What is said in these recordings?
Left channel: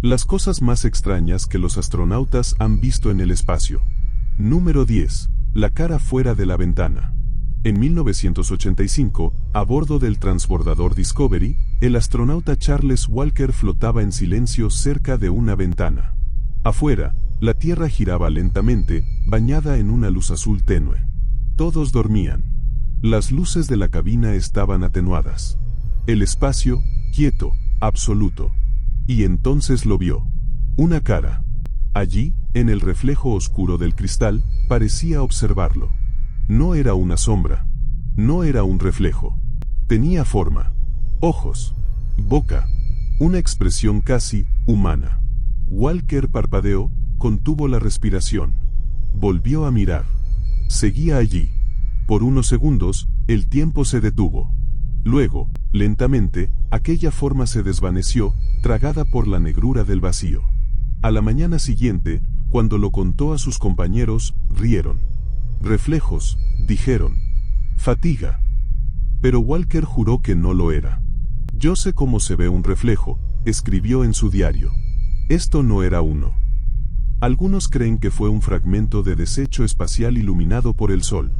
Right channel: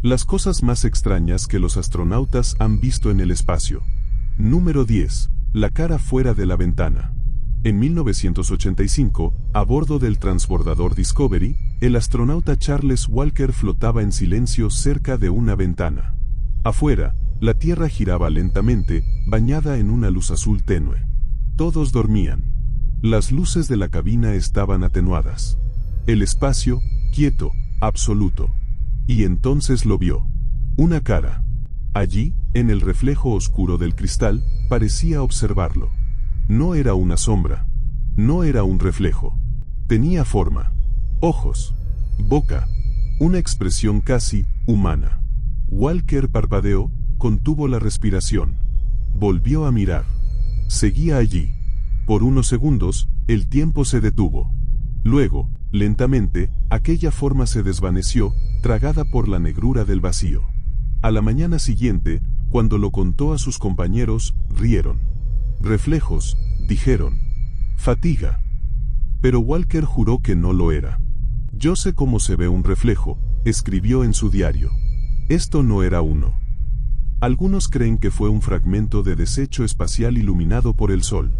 Las cosas más extrañas que los astronautas han visto en el espacio. Número 10. La cara fuera de la ventana. En 1985, a bordo del transbordador Discovery, el astronauta Charles Walker flotaba en silencio cerca de una ventana. Afuera, la Tierra giraba lentamente, bañada en una luz azul tenue. Todos dormían. Las luces de la cabina estaban atenuadas. El espacio, quieto, absoluto. Y entonces lo vio. Una cara. Allí, en el reflejo oscuro del cristal, parecía observarlo. No era una sombra. No era un reflejo. Tenía forma. Ojos. Boca. Una expresión casi humana. Walker parpadeó, contuvo la respiración. Volvió a mirar. Seguía allí. Por unos segundos, el tiempo se detuvo. Luego, lentamente, aquella forma se desvaneció, tragada por la negrura del vacío. A la mañana siguiente, cuando lo contó a sus compañeros, rieron. Reflejos, dijeron. Fatiga. Pero Walker juró que no lo era. Yo sé cómo se ve un reflejo, escribió en su diario. Esto no era uno. Algunos creen que fue un fragmento de desecho espacial iluminado por el sol.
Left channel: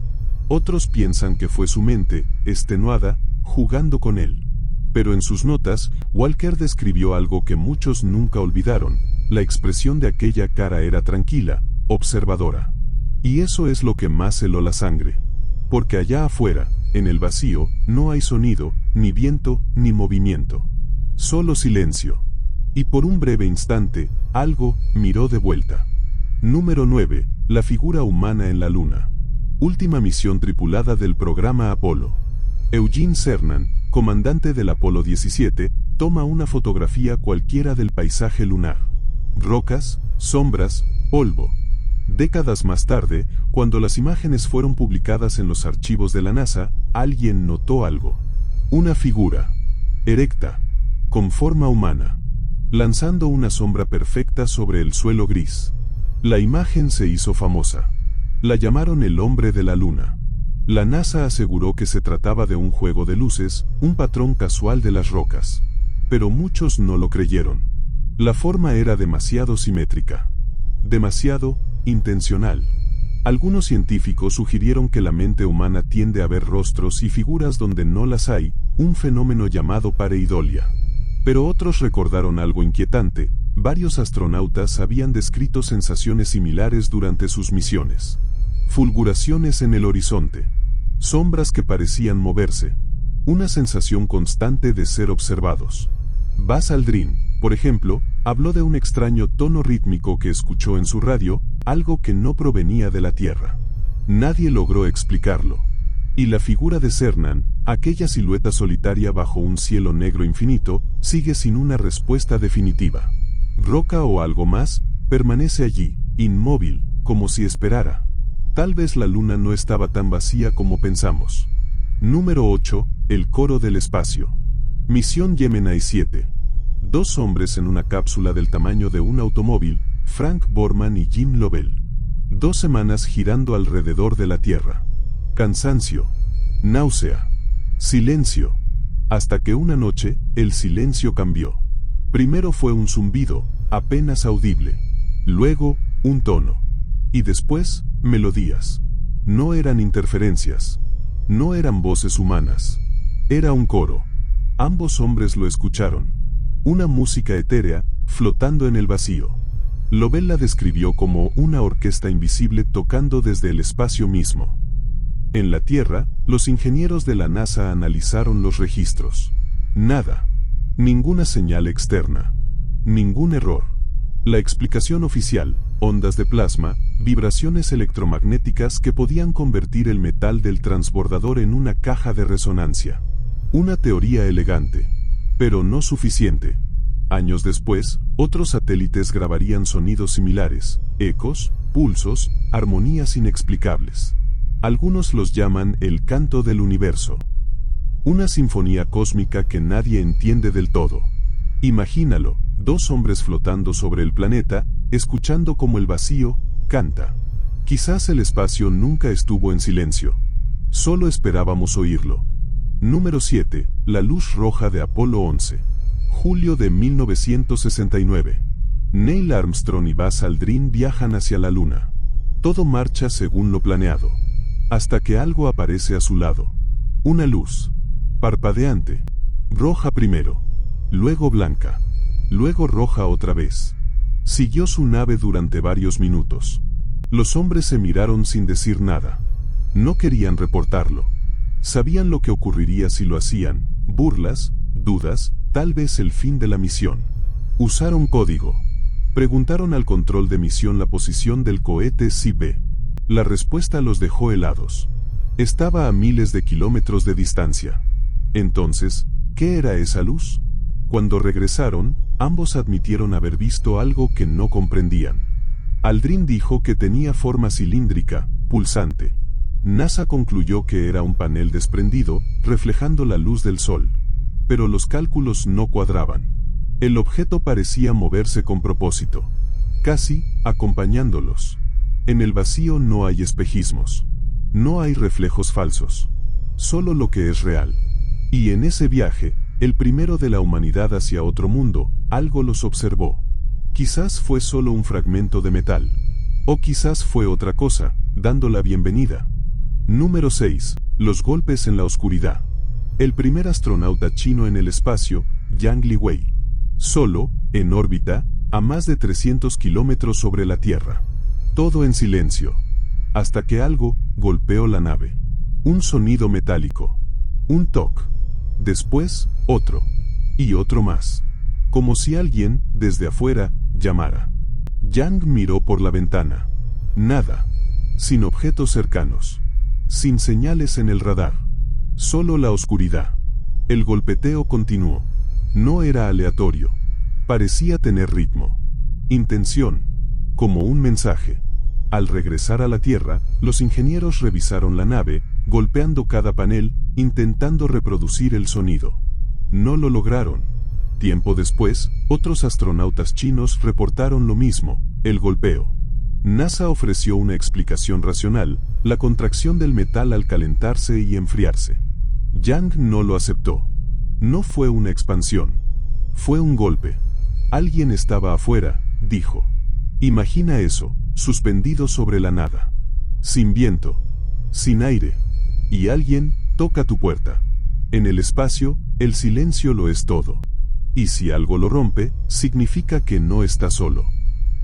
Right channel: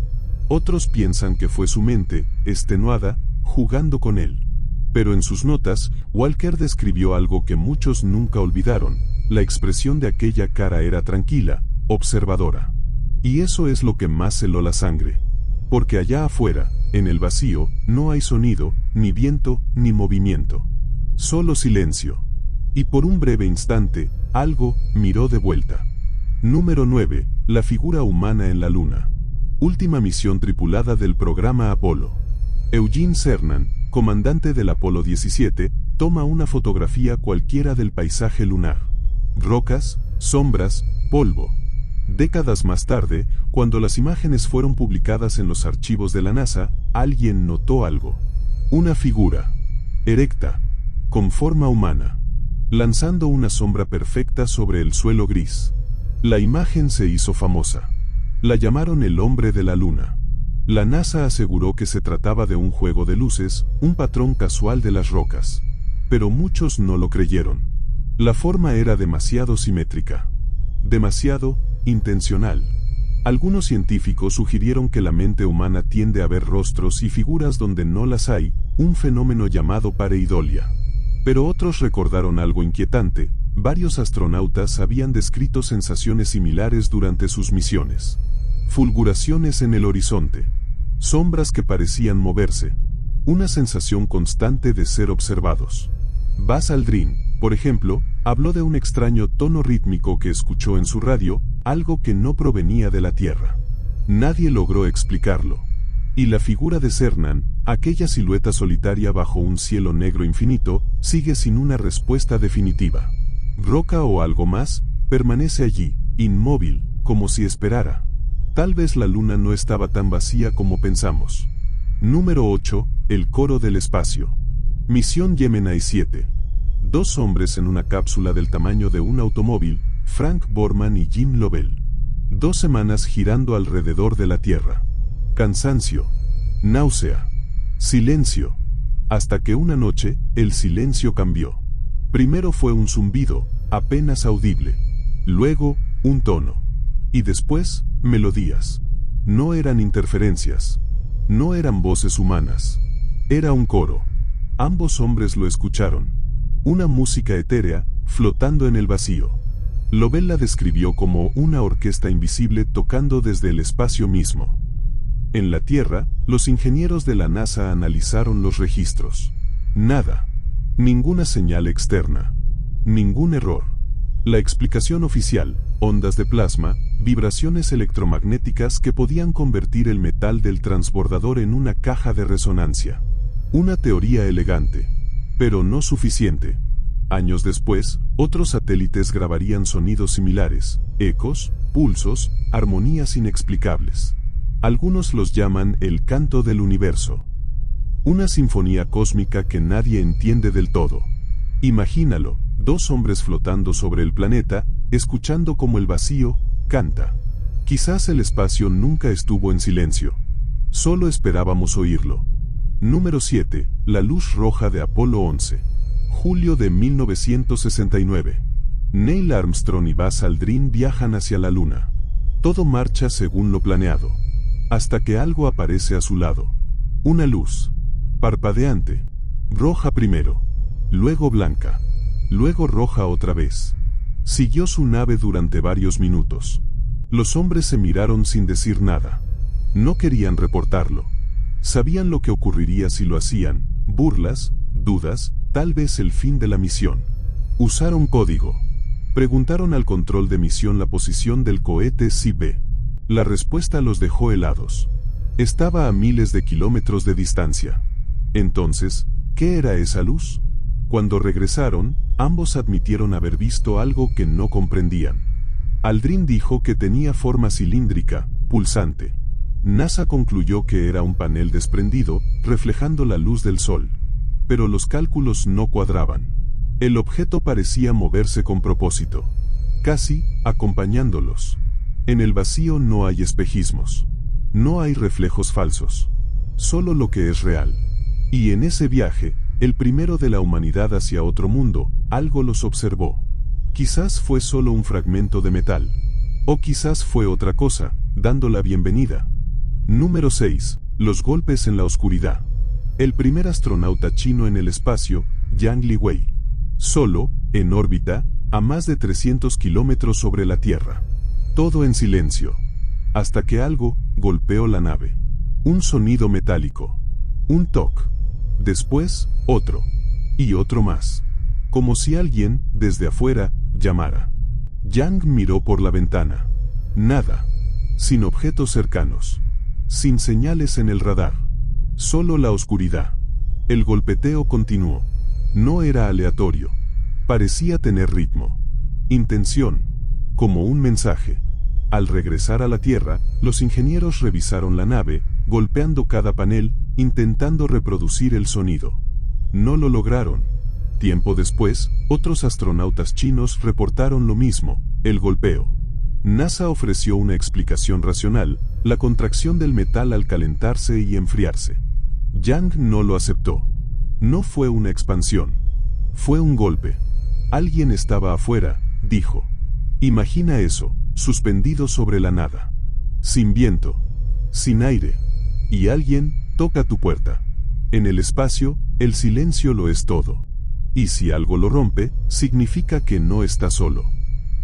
Otros piensan que fue su mente, extenuada, jugando con él. Pero en sus notas, Walker describió algo que muchos nunca olvidaron. La expresión de aquella cara era tranquila, observadora. Y eso es lo que más heló la sangre. Porque allá afuera, en el vacío, no hay sonido, ni viento, ni movimiento. Solo silencio. Y por un breve instante, algo miró de vuelta. Número 9. La figura humana en la Luna. Última misión tripulada del programa Apolo. Eugene Cernan, comandante del Apolo 17, toma una fotografía cualquiera del paisaje lunar. Rocas, sombras, polvo. Décadas más tarde, cuando las imágenes fueron publicadas en los archivos de la NASA, alguien notó algo. Una figura. Erecta. Con forma humana. Lanzando una sombra perfecta sobre el suelo gris. La imagen se hizo famosa. La llamaron el hombre de la luna. La NASA aseguró que se trataba de un juego de luces, un patrón casual de las rocas. Pero muchos no lo creyeron. La forma era demasiado simétrica. Demasiado intencional. Algunos científicos sugirieron que la mente humana tiende a ver rostros y figuras donde no las hay, un fenómeno llamado pareidolia. Pero otros recordaron algo inquietante. Varios astronautas habían descrito sensaciones similares durante sus misiones. Fulguraciones en el horizonte. Sombras que parecían moverse. Una sensación constante de ser observados. Buzz Aldrin, por ejemplo, habló de un extraño tono rítmico que escuchó en su radio, algo que no provenía de la Tierra. Nadie logró explicarlo. Y la figura de Cernan, aquella silueta solitaria bajo un cielo negro infinito, sigue sin una respuesta definitiva. Roca o algo más, permanece allí, inmóvil, como si esperara. Tal vez la luna no estaba tan vacía como pensamos. Número 8. El coro del espacio. Misión Gemini 7. Dos hombres en una cápsula del tamaño de un automóvil, Frank Borman y Jim Lovell. 2 semanas girando alrededor de la Tierra. Cansancio. Náusea. Silencio. Hasta que una noche, el silencio cambió. Primero fue un zumbido, apenas audible. Luego, un tono. Y después, melodías. No eran interferencias. No eran voces humanas. Era un coro. Ambos hombres lo escucharon. Una música etérea, flotando en el vacío. Lovell la describió como una orquesta invisible tocando desde el espacio mismo. En la Tierra, los ingenieros de la NASA analizaron los registros. Nada. Ninguna señal externa. Ningún error. La explicación oficial, ondas de plasma, vibraciones electromagnéticas que podían convertir el metal del transbordador en una caja de resonancia. Una teoría elegante. Pero no suficiente. Años después, otros satélites grabarían sonidos similares, ecos, pulsos, armonías inexplicables. Algunos los llaman el canto del universo. Una sinfonía cósmica que nadie entiende del todo. Imagínalo, 2 hombres flotando sobre el planeta, escuchando como el vacío canta. Quizás el espacio nunca estuvo en silencio. Solo esperábamos oírlo. Número 7. La luz roja de Apolo 11. Julio de 1969. Neil Armstrong y Buzz Aldrin viajan hacia la Luna. Todo marcha según lo planeado. Hasta que algo aparece a su lado. Una luz. Parpadeante. Roja primero. Luego blanca. Luego roja otra vez. Siguió su nave durante varios minutos. Los hombres se miraron sin decir nada. No querían reportarlo. Sabían lo que ocurriría si lo hacían. Burlas, dudas, tal vez el fin de la misión. Usaron código. Preguntaron al control de misión la posición del cohete CB. La respuesta los dejó helados. Estaba a miles de kilómetros de distancia. Entonces, ¿qué era esa luz? Cuando regresaron, ambos admitieron haber visto algo que no comprendían. Aldrin dijo que tenía forma cilíndrica, pulsante. NASA concluyó que era un panel desprendido, reflejando la luz del sol. Pero los cálculos no cuadraban. El objeto parecía moverse con propósito, casi acompañándolos. En el vacío no hay espejismos. No hay reflejos falsos. Solo lo que es real. Y en ese viaje, el primero de la humanidad hacia otro mundo, algo los observó. Quizás fue solo un fragmento de metal. O quizás fue otra cosa, dando la bienvenida. Número 6. Los golpes en la oscuridad. El primer astronauta chino en el espacio, Yang Liwei. Solo, en órbita, a más de 300 kilómetros sobre la Tierra. Todo en silencio. Hasta que algo golpeó la nave. Un sonido metálico. Un toque. Después, otro. Y otro más. Como si alguien, desde afuera, llamara. Yang miró por la ventana. Nada. Sin objetos cercanos. Sin señales en el radar. Solo la oscuridad. El golpeteo continuó. No era aleatorio. Parecía tener ritmo. Intención. Como un mensaje. Al regresar a la Tierra, los ingenieros revisaron la nave, golpeando cada panel, intentando reproducir el sonido. No lo lograron. Tiempo después, otros astronautas chinos reportaron lo mismo, el golpeo. NASA ofreció una explicación racional, la contracción del metal al calentarse y enfriarse. Yang no lo aceptó. No fue una expansión. Fue un golpe. Alguien estaba afuera, dijo. Imagina eso, suspendido sobre la nada. Sin viento. Sin aire. Y alguien toca tu puerta. En el espacio, el silencio lo es todo. Y si algo lo rompe, significa que no está solo.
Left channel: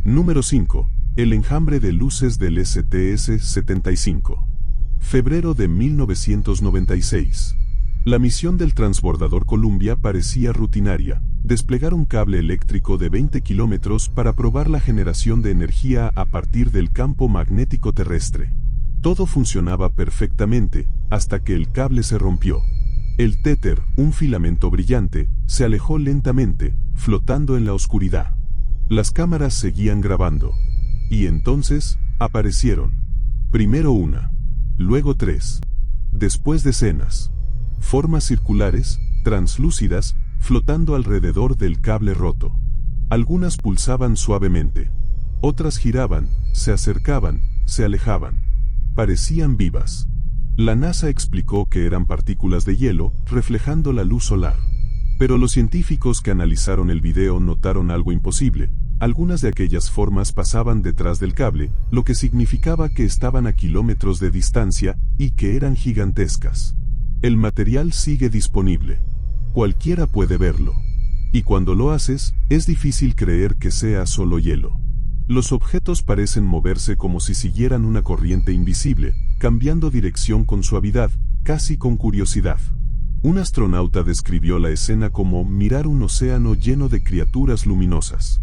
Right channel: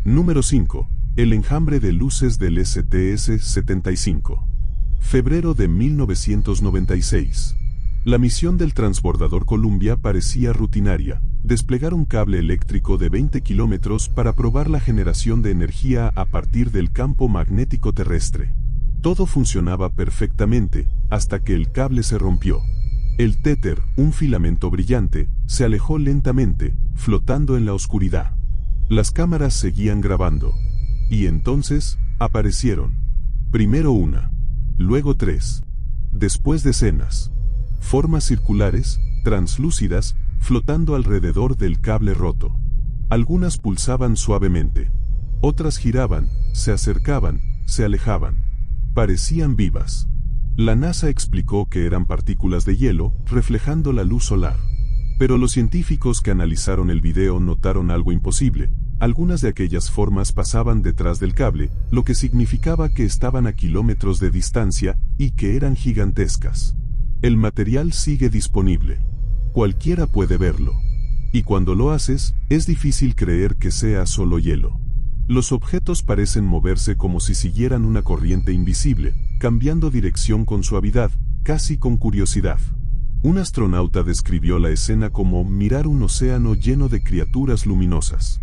Número 5. El enjambre de luces del STS-75. Febrero de 1996. La misión del transbordador Columbia parecía rutinaria. Desplegar un cable eléctrico de 20 kilómetros para probar la generación de energía a partir del campo magnético terrestre. Todo funcionaba perfectamente, hasta que el cable se rompió. El téter, un filamento brillante, se alejó lentamente, flotando en la oscuridad. Las cámaras seguían grabando. Y entonces, aparecieron. Primero una. Luego 3. Después decenas. Formas circulares, translúcidas, flotando alrededor del cable roto. Algunas pulsaban suavemente. Otras giraban, se acercaban, se alejaban. Parecían vivas. La NASA explicó que eran partículas de hielo, reflejando la luz solar. Pero los científicos que analizaron el video notaron algo imposible. Algunas de aquellas formas pasaban detrás del cable, lo que significaba que estaban a kilómetros de distancia, y que eran gigantescas. El material sigue disponible. Cualquiera puede verlo. Y cuando lo haces, es difícil creer que sea solo hielo. Los objetos parecen moverse como si siguieran una corriente invisible, cambiando dirección con suavidad, casi con curiosidad. Un astronauta describió la escena como mirar un océano lleno de criaturas luminosas.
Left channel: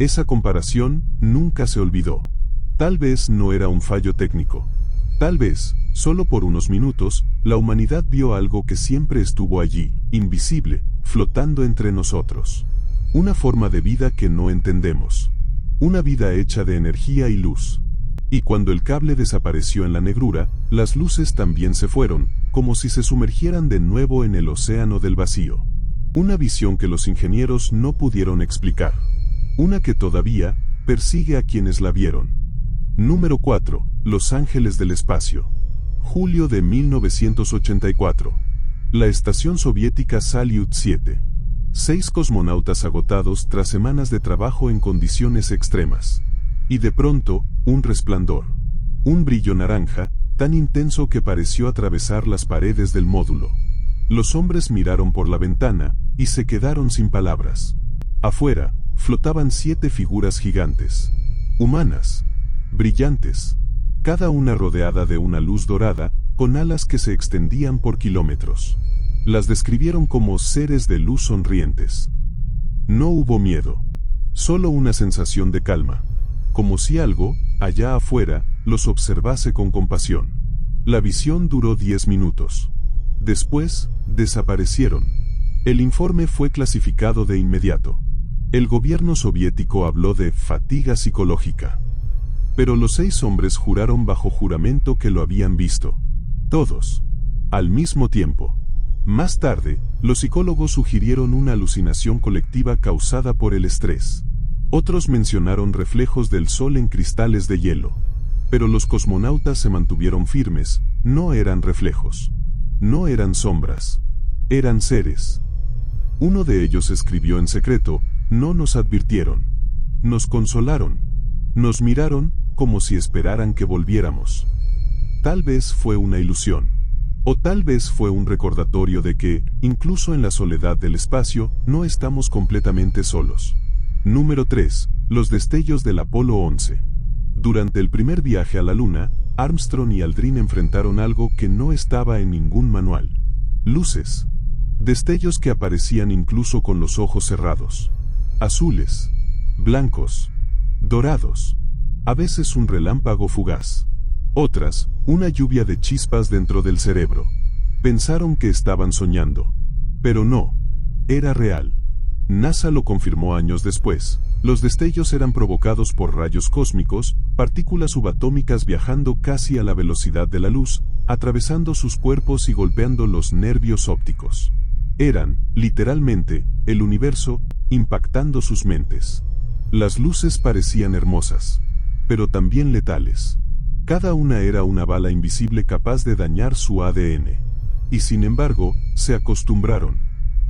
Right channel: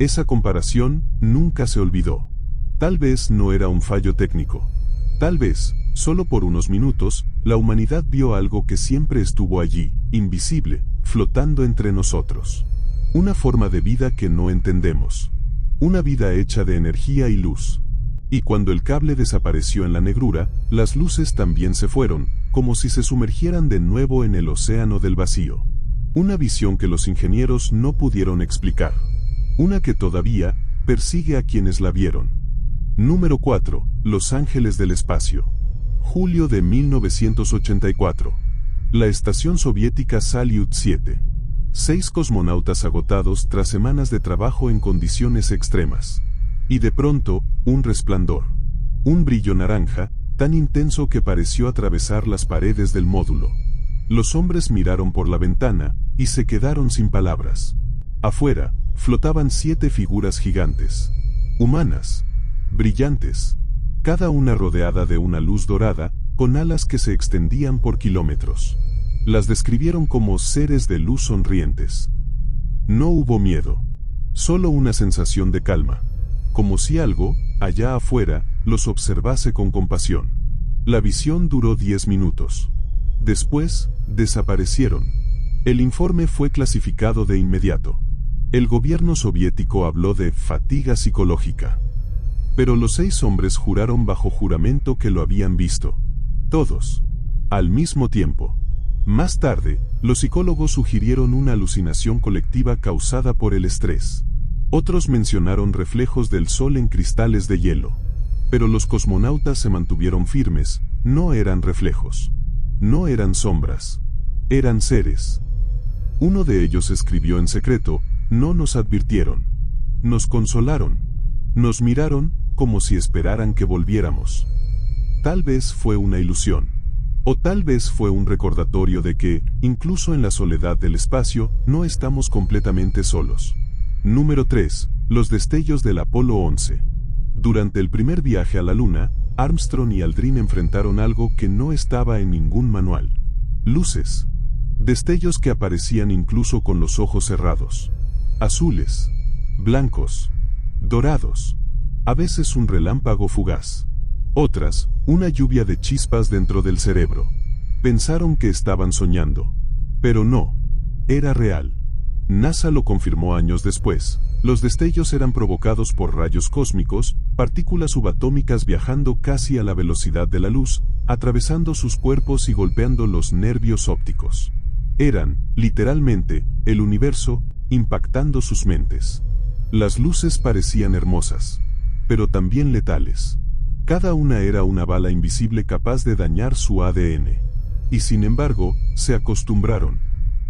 Esa comparación nunca se olvidó. Tal vez no era un fallo técnico. Tal vez, solo por unos minutos, la humanidad vio algo que siempre estuvo allí, invisible, flotando entre nosotros. Una forma de vida que no entendemos. Una vida hecha de energía y luz. Y cuando el cable desapareció en la negrura, las luces también se fueron, como si se sumergieran de nuevo en el océano del vacío. Una visión que los ingenieros no pudieron explicar. Una que todavía persigue a quienes la vieron. Número 4. Los Ángeles del Espacio. Julio de 1984. La estación soviética Salyut 7. 6 cosmonautas agotados tras semanas de trabajo en condiciones extremas. Y de pronto, un resplandor. Un brillo naranja, tan intenso que pareció atravesar las paredes del módulo. Los hombres miraron por la ventana, y se quedaron sin palabras. Afuera, flotaban 7 figuras gigantes. Humanas. Brillantes. Cada una rodeada de una luz dorada, con alas que se extendían por kilómetros. Las describieron como seres de luz sonrientes. No hubo miedo. Solo una sensación de calma. Como si algo, allá afuera, los observase con compasión. La visión duró 10 minutos. Después, desaparecieron. El informe fue clasificado de inmediato. El gobierno soviético habló de fatiga psicológica. Pero los 6 hombres juraron bajo juramento que lo habían visto. Todos. Al mismo tiempo. Más tarde, los psicólogos sugirieron una alucinación colectiva causada por el estrés. Otros mencionaron reflejos del sol en cristales de hielo. Pero los cosmonautas se mantuvieron firmes, no eran reflejos. No eran sombras. Eran seres. Uno de ellos escribió en secreto: no nos advirtieron. Nos consolaron. Nos miraron, como si esperaran que volviéramos. Tal vez fue una ilusión. O tal vez fue un recordatorio de que, incluso en la soledad del espacio, no estamos completamente solos. Número 3. Los destellos del Apolo 11. Durante el primer viaje a la Luna, Armstrong y Aldrin enfrentaron algo que no estaba en ningún manual. Luces. Destellos que aparecían incluso con los ojos cerrados. Azules. Blancos. Dorados. A veces un relámpago fugaz. Otras, una lluvia de chispas dentro del cerebro. Pensaron que estaban soñando. Pero no. Era real. NASA lo confirmó años después. Los destellos eran provocados por rayos cósmicos, partículas subatómicas viajando casi a la velocidad de la luz, atravesando sus cuerpos y golpeando los nervios ópticos. Eran, literalmente, el universo, impactando sus mentes. Las luces parecían hermosas, pero también letales. Cada una era una bala invisible capaz de dañar su ADN. Y sin embargo, se acostumbraron.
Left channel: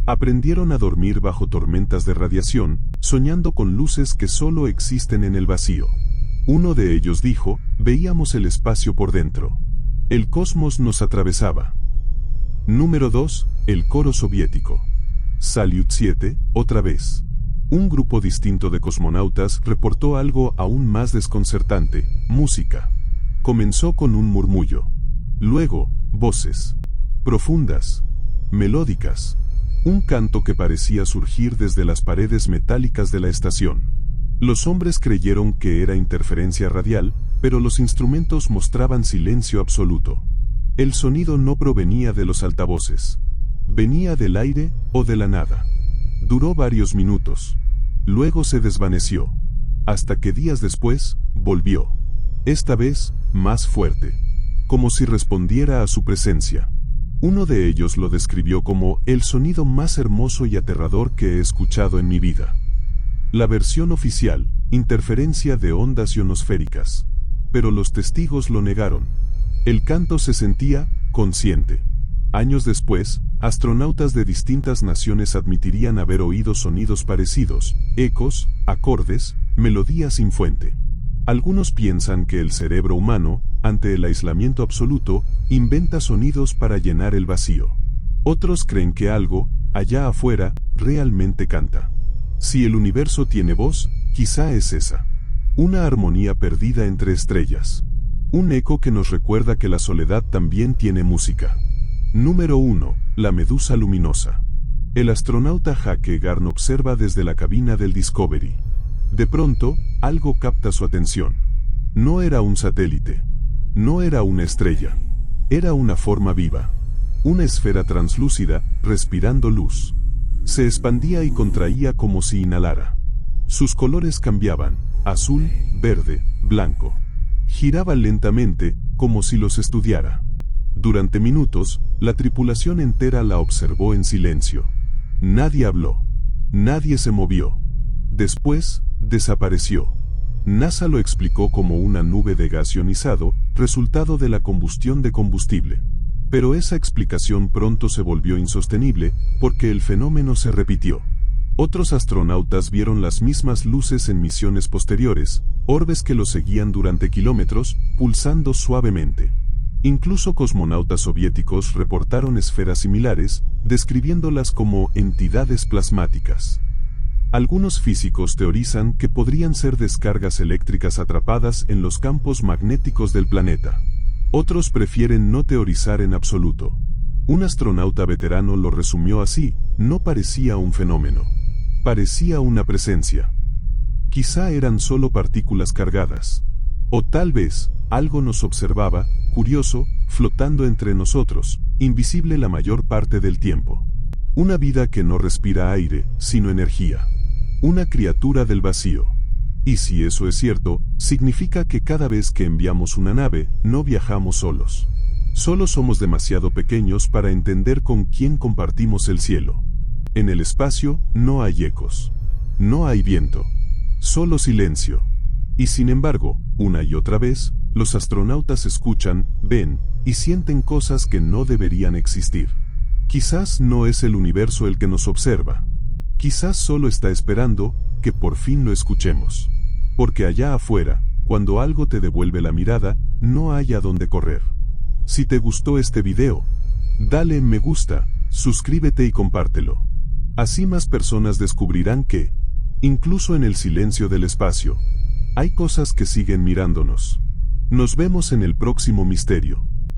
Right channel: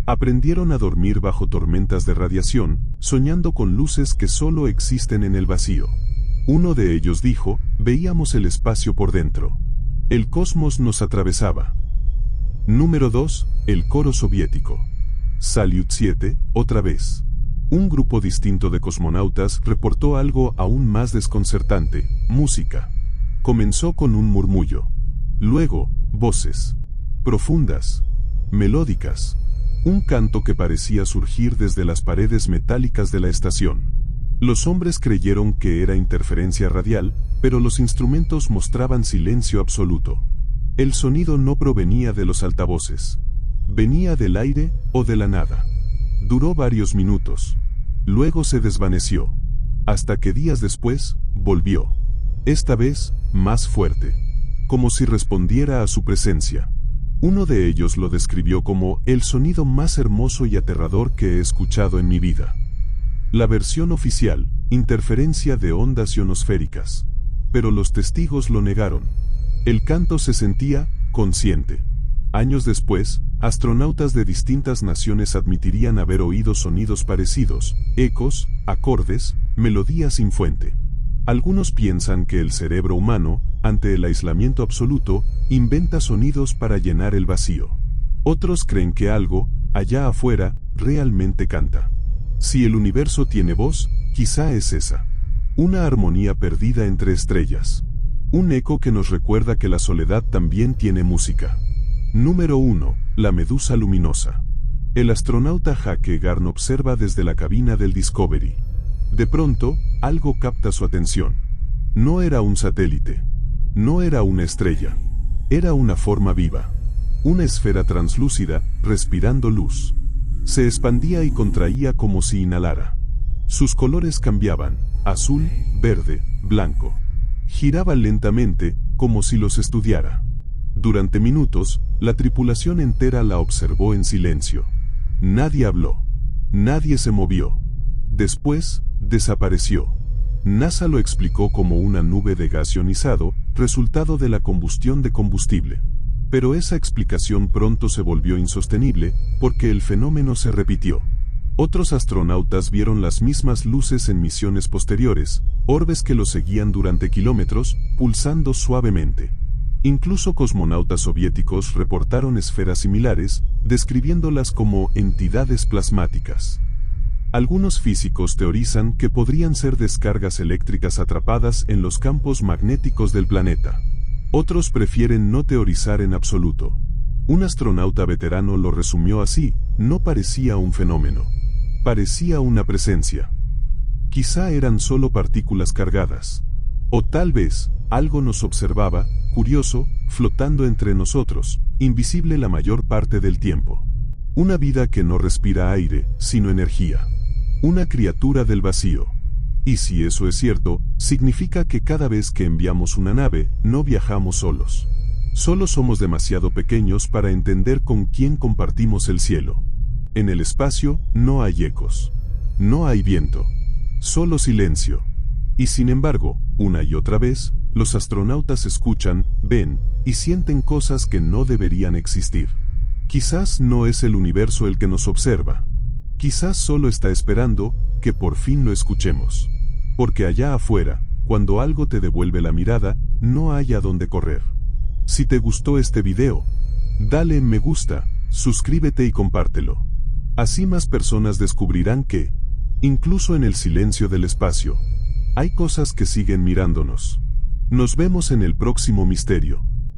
Aprendieron a dormir bajo tormentas de radiación, soñando con luces que solo existen en el vacío. Uno de ellos dijo: veíamos el espacio por dentro. El cosmos nos atravesaba. Número 2. El coro soviético. Salyut 7, otra vez. Un grupo distinto de cosmonautas reportó algo aún más desconcertante: música. Comenzó con un murmullo. Luego, voces. Profundas. Melódicas. Un canto que parecía surgir desde las paredes metálicas de la estación. Los hombres creyeron que era interferencia radial, pero los instrumentos mostraban silencio absoluto. El sonido no provenía de los altavoces. Venía del aire o de la nada. Duró varios minutos. Luego se desvaneció. Hasta que días después, volvió. Esta vez, más fuerte. Como si respondiera a su presencia. Uno de ellos lo describió como el sonido más hermoso y aterrador que he escuchado en mi vida. La versión oficial: interferencia de ondas ionosféricas. Pero los testigos lo negaron. El canto se sentía consciente. Años después, astronautas de distintas naciones admitirían haber oído sonidos parecidos: ecos, acordes, melodías sin fuente. Algunos piensan que el cerebro humano, ante el aislamiento absoluto, inventa sonidos para llenar el vacío. Otros creen que algo, allá afuera, realmente canta. Si el universo tiene voz, quizá es esa. Una armonía perdida entre estrellas. Un eco que nos recuerda que la soledad también tiene música. Número 1. La medusa luminosa. El astronauta Jake Garn observa desde la cabina del Discovery. De pronto, algo capta su atención. No era un satélite. No era una estrella. Era una forma viva. Una esfera translúcida, respirando luz. Se expandía y contraía como si inhalara. Sus colores cambiaban: azul, verde, blanco. Giraba lentamente, como si los estudiara. Durante minutos, la tripulación entera la observó en silencio. Nadie habló. Nadie se movió. Después, desapareció. NASA lo explicó como una nube de gas ionizado, resultado de la combustión de combustible. Pero esa explicación pronto se volvió insostenible, porque el fenómeno se repitió. Otros astronautas vieron las mismas luces en misiones posteriores, orbes que los seguían durante kilómetros, pulsando suavemente. Incluso cosmonautas soviéticos reportaron esferas similares, describiéndolas como entidades plasmáticas. Algunos físicos teorizan que podrían ser descargas eléctricas atrapadas en los campos magnéticos del planeta. Otros prefieren no teorizar en absoluto. Un astronauta veterano lo resumió así: no parecía un fenómeno. Parecía una presencia. Quizá eran solo partículas cargadas. O tal vez, algo nos observaba, curioso, flotando entre nosotros, invisible la mayor parte del tiempo. Una vida que no respira aire, sino energía. Una criatura del vacío. Y si eso es cierto, significa que cada vez que enviamos una nave, no viajamos solos. Solo somos demasiado pequeños para entender con quién compartimos el cielo. En el espacio, no hay ecos. No hay viento. Solo silencio. Y sin embargo, una y otra vez, los astronautas escuchan, ven, y sienten cosas que no deberían existir. Quizás no es el universo el que nos observa. Quizás solo está esperando que por fin lo escuchemos. Porque allá afuera, cuando algo te devuelve la mirada, no hay a dónde correr. Si te gustó este video, dale me gusta, suscríbete y compártelo. Así más personas descubrirán que, incluso en el silencio del espacio, hay cosas que siguen mirándonos. Nos vemos en el próximo misterio.